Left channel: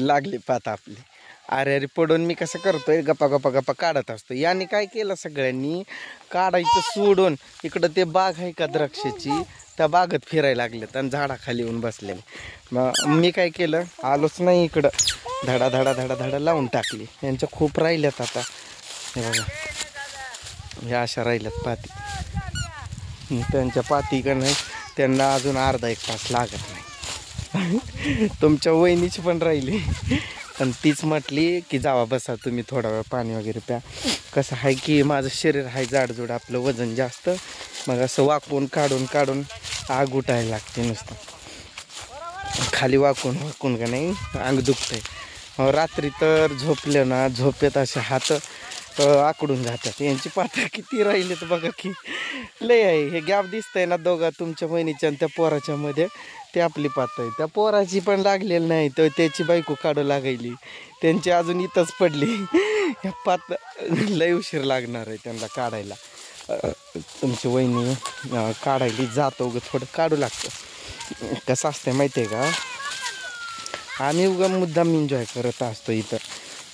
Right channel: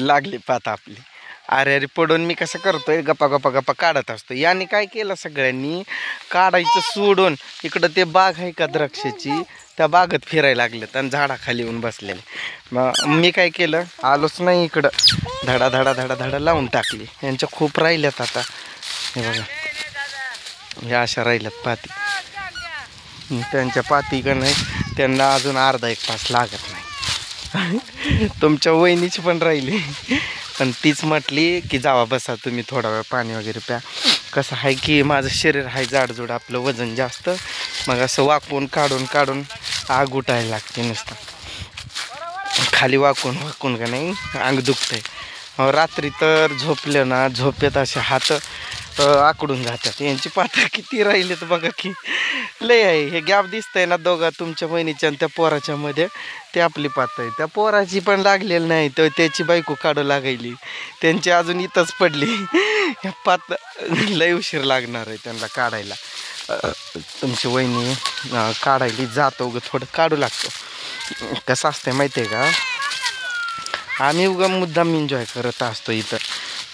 लागली पात आपली. अरे अरे पडून मी कसं करतोय, गप्पा गप्पा गप्पा काढत असतो. यांनी काय केलं, सगळ्यांनी काढायचं सोडून इकडं ते बाग आहे का द्राक्षाची, त्या बागेत फिरायला लागलेत आणि झाडाखाली येऊन बसलेले. मग मी काय केलं, आलोच नाही इकडं. धडा धडा धडा धडा लावून टाकली. यांच्या खूप राहिल्यात आता. हे बघा, हे अशा राहिल्यात पाती. त्यांच्या पाती का नाही, त्यांना अजून अर्धा एक तास लागत नाही. तुमच्या वहिनीची पण राहिली, पण तीच म्हटली की जावा बसा तुम्ही, थोडा वेळ पाणी वगैरे प्या. कसं आहे की माझं शरीर आहे जाडजूड, आपलं वजन जास्त, मग असं वाकून काढून काढून आग उठायला लागते. नुसतं खाली वाकून वाकून का नाही अंग दुखतंय. रात्री तर झोपले ना, झोपेत असे हात आकडून जातात. यांची पात्र किती राहिलेत बघा की, लय आहे. हे गॅप दिसतंय ना दोघा, तुमच्या बहिणीच्या आणि त्या पोराच्या मध्ये, ते आपली पात आहे. त्या पोराची पण लागलेली नाही, तर त्याची बायको काढू लागायली, त्यांची अजून इथंच पडली. ह्या पात लय उशीर लागणार आहे त्यांना काढायला. तुमची वहिनी काढायली जातो, उगं थोडं काढू लागतो. कसं असतंय माहिती आहे का, आम्ही उगा मुद्दाम एन्जॉय करत असतो इथं,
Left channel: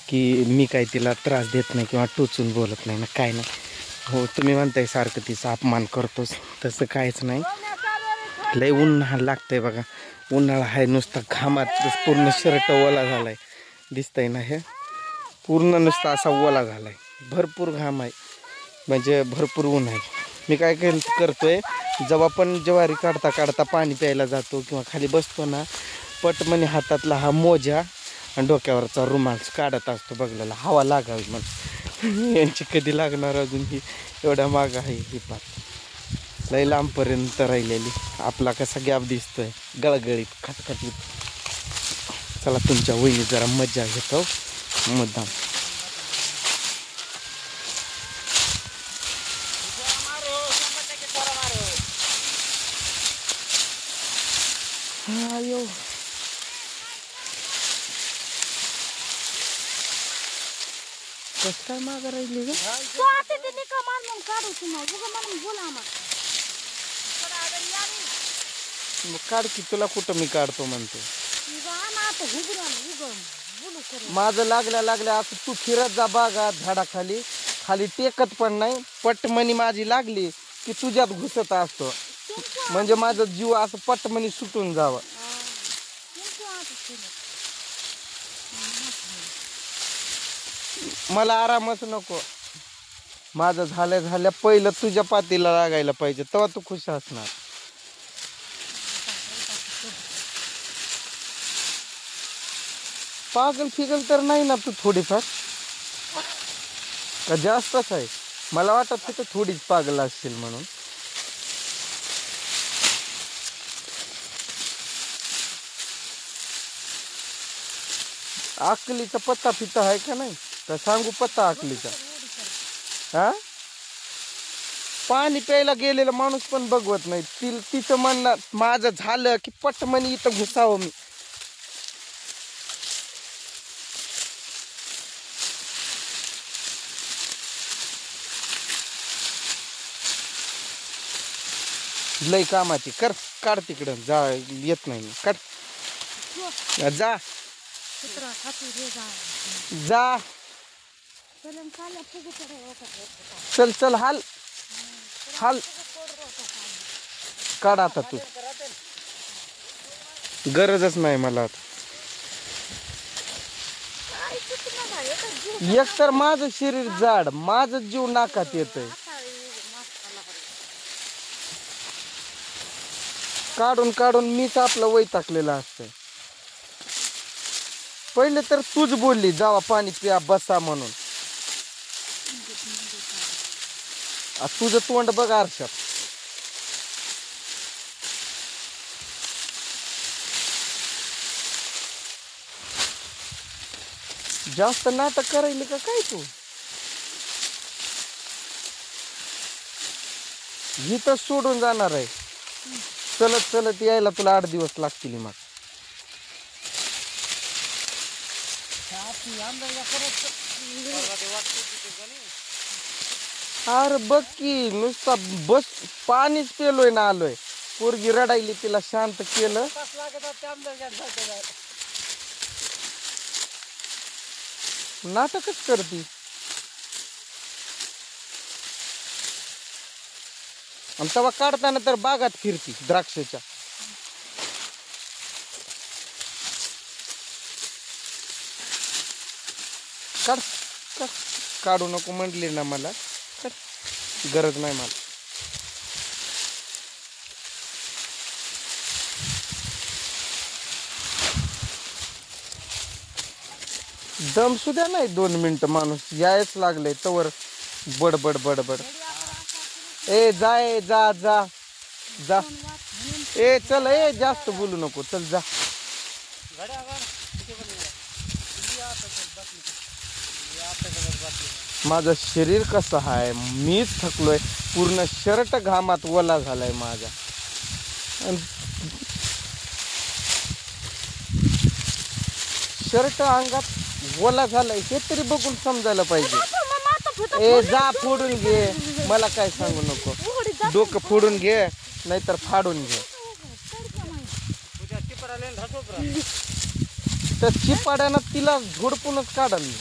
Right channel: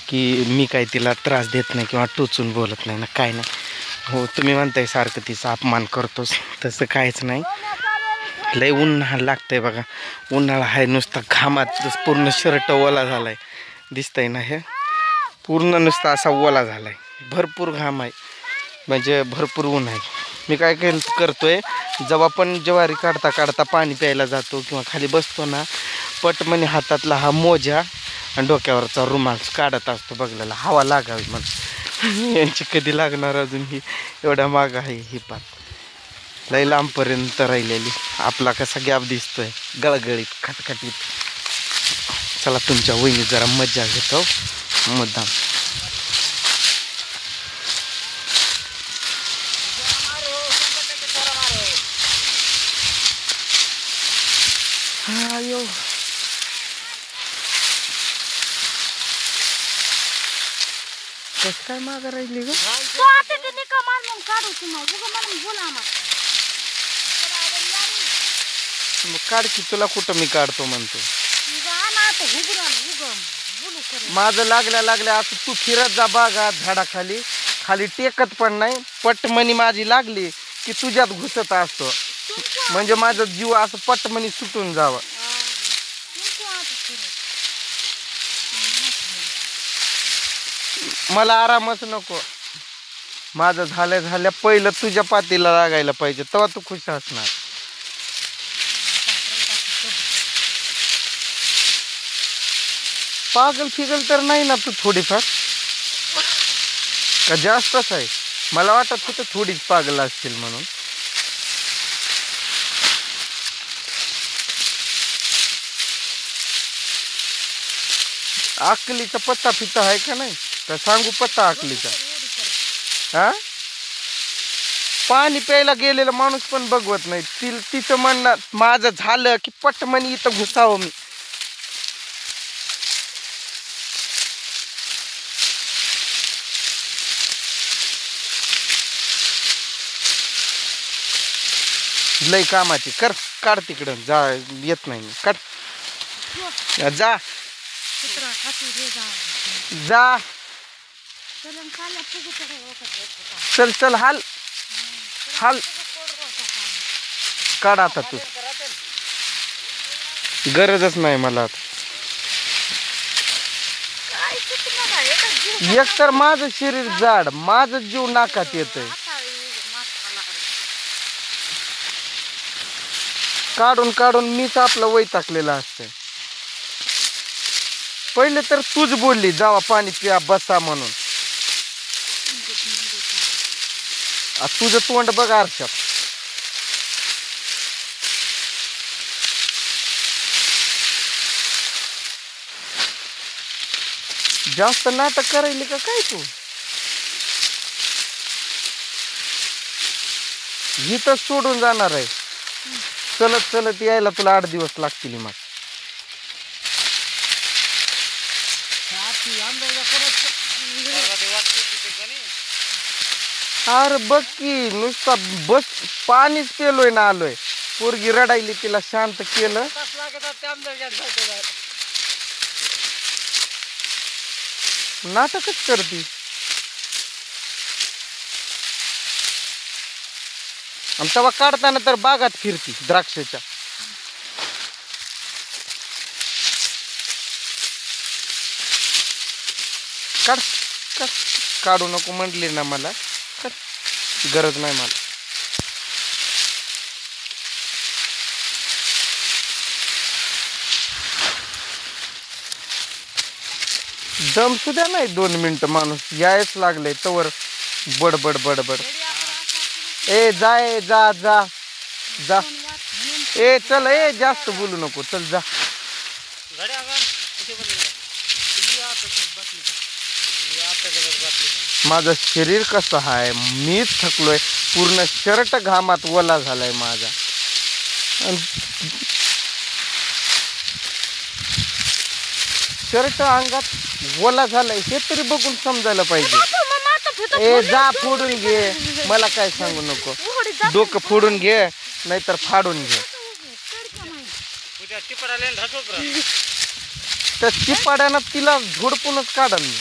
की मी काही तिला त्रास देत नाही किंवा टोचून बोलत नाही ना, काय नाही. हो, तुम्ही म्हणताय सारखं तिचा अपमान करतोस, तसं काहीच नाही. लय उन्हाळा लागतंय बघा, उन्हाळा आहे नुसता, घामात पूर्ण शर्ट ओला झालाय, दिसतंय ना, हे पूर्ण नुसता असा ओला झालाय. भरपूर घाम आहे, म्हणजे भरपूर ऊन आहे. मी काय करतोय, जेव्हा पण ज्वारी काढता काढता पाणी प्यायला जातो किंवा खाली बसतो ना, पटमनी हातातला हा मोजा आणि डोक्यावरचा रुमाल काढत असतो बघलेला, हवा लागावी म्हणून. यांची कधी लागणार अजून, ही एवढ्या माग आहे ही पात, लय लांबपर्यंत राहिलेली. आपला कसा गॅप दिसतोय, गळगळीत खटखटीत. चला तुमच्या वहिनी जरा मज्जा घेतो मुद्दाम. अयो कस काय मागं राहिली ग, मग काढ की, तुला कुठं मी काढतो म्हणतो. माझं लागल्या लागल्या असं तू फिरत जा बागा झाडाखाली, खाली टेकत पण नाही. पटमनी माझी लागली की तुझ्यात घुसत असतो, म्हणजे माझा जीव असं पटमनी सुटून जावं. मला आरामच नको, माझं झाल्या झाल्या पहिलं तुझ्या पातीला लागायला पाहिजे, तेव्हा तू खुश असणार. पागल फिगल तर नाही ना तू थोडीफार, का जास्तच आहे? मला वाटत होतं थोडीच पागल असतील म्हणून. अकलीचा पत्ता फिता आहे का नाही, तर सांगू पत्ता अकलीचा? हा, पाणी प्यायला गेलेला माणूस पण बघवत नाही. तिचं म्हणणं माझं झालं की पटमनी इथं घुसावं मी. लय कामाची कर, काढ तिकडं, जा येत नाही काढ, जा जा, चल चल, हाल हाल, काढ आता तू, गरजच नाही मला आता. एक तर माझं शरीर जाड, माझं जीव नाकात येतंय, काढून काढून मीच आपलं वैतागलेलं असतंय. पहिले तर तूच बोलली जावा पाणी प्या बसा म्हणून, तुझं तोंड बघ आरशात. जास्त नाटक करायले का काय तू? इथं सोडून जाणार आहे, चलत चलत यायला तुला 8 दिवस लागतील. मग अरे बघ की, नुसता बस पाणीच पेलोय ना, आलोय. पोरगी रडायली, तिला शांत केलं. नाटकच करती. आणि तेव्हा काढताना तर बागात फिरती द्राक्षाच्या. काढ काढ काढू नको म्हणले ना मला. काढ, गरज नाही मला. दम सुद्धा नाही 2 मिनिटं माणूस यायच लागले तवर बडबड बडबड. ए जाय जा जा जा. ए चल, ए जास्त बोलू नको, चल जा. माझं शरीर कसं आहे, मीच थकलोय. पूर्ण शर्ट घामात ओला झालाय माझा. शर्ट अंगात ओला झालाय हे तरी बघून समजायला पाहिजे. ए जा फोडून घे, मला काय सांगू नको. डोकं फोडून घे नाहीतर फाडून घे. त्या चिपाड्यानं तिला झोडपूनच काढल मी.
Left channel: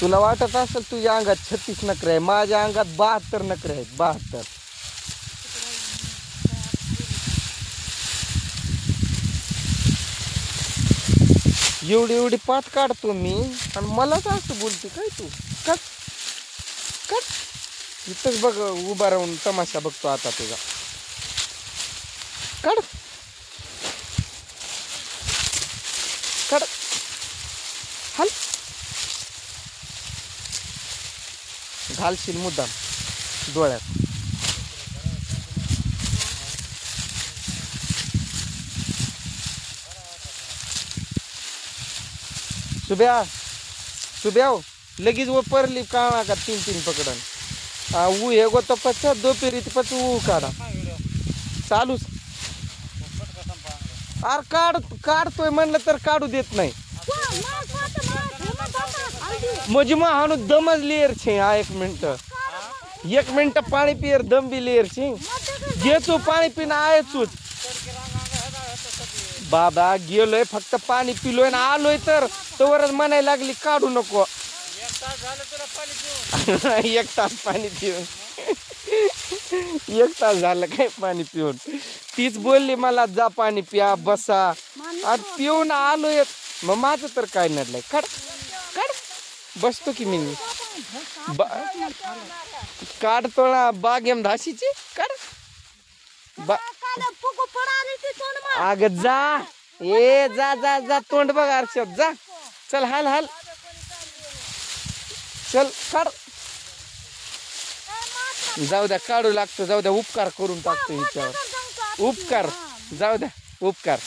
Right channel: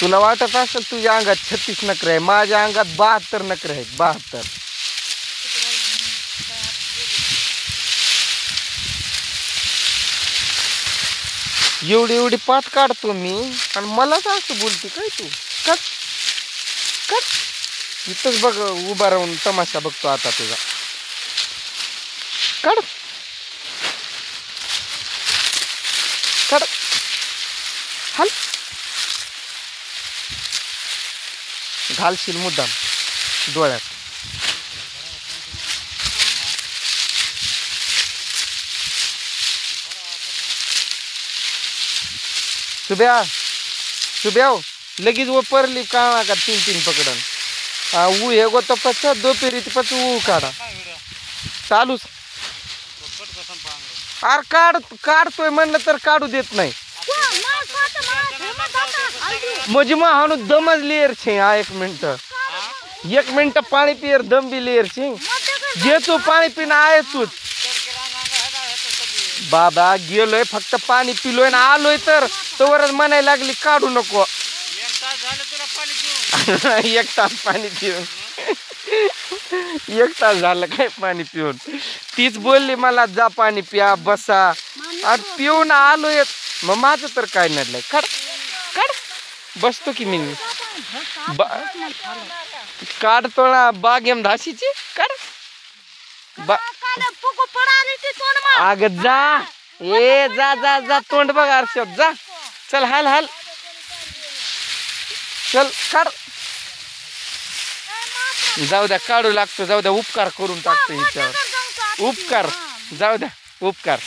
तुला वाटत असेल तुझ्या अंगात 36 नखरे आहे, माझ्या अंगात 72 नखरे आहेत. 72. एवढी एवढी पात काढतो मी आणि मलाच असं बोलते काय तू. कट कट इथंच बघ उभा राहून तमाशा बघतो आता तुझा. काढ काढ हल घालशील मुद्दाम डोळ्यात. सुब्या लगेच वो परली का 3 पकडन. ऊ हे गो तो पचा दो पेरीत पच ऊ काढा चालूच. अरे काढतोय म्हणलं तर काढू देत नाही. म्हणजे मग हाणू दमच लेअर छे. 1 मिनिट पाणी पियर दम बी लेअर छे. जे तू पाणी पिणं आहे तूच. बाबा गेलोय फक्त पाणी पिलोय ना आलोय तर तोवरच म्हणायला लागली काढू नको. 1 तास पाणी पिऊन 1 तास झालं काय पाणी पिऊन. तीच बोलली मला जा पाणी पिया बसा. आणि पिऊन आलोय मग माझं तर काय नडलंय. काढ काढ बसतो की मी. काढतो ना बागेम धाशीची. काढ अग जा. ए जा जा जा तोंड बघ आरशात जा. चल हाल हाल चल काढ. जाऊ द्या काढू लागतो. जाऊ द्या उपकार करून टाकतो हिच्यावर. उपकार जाऊ द्या उपकार.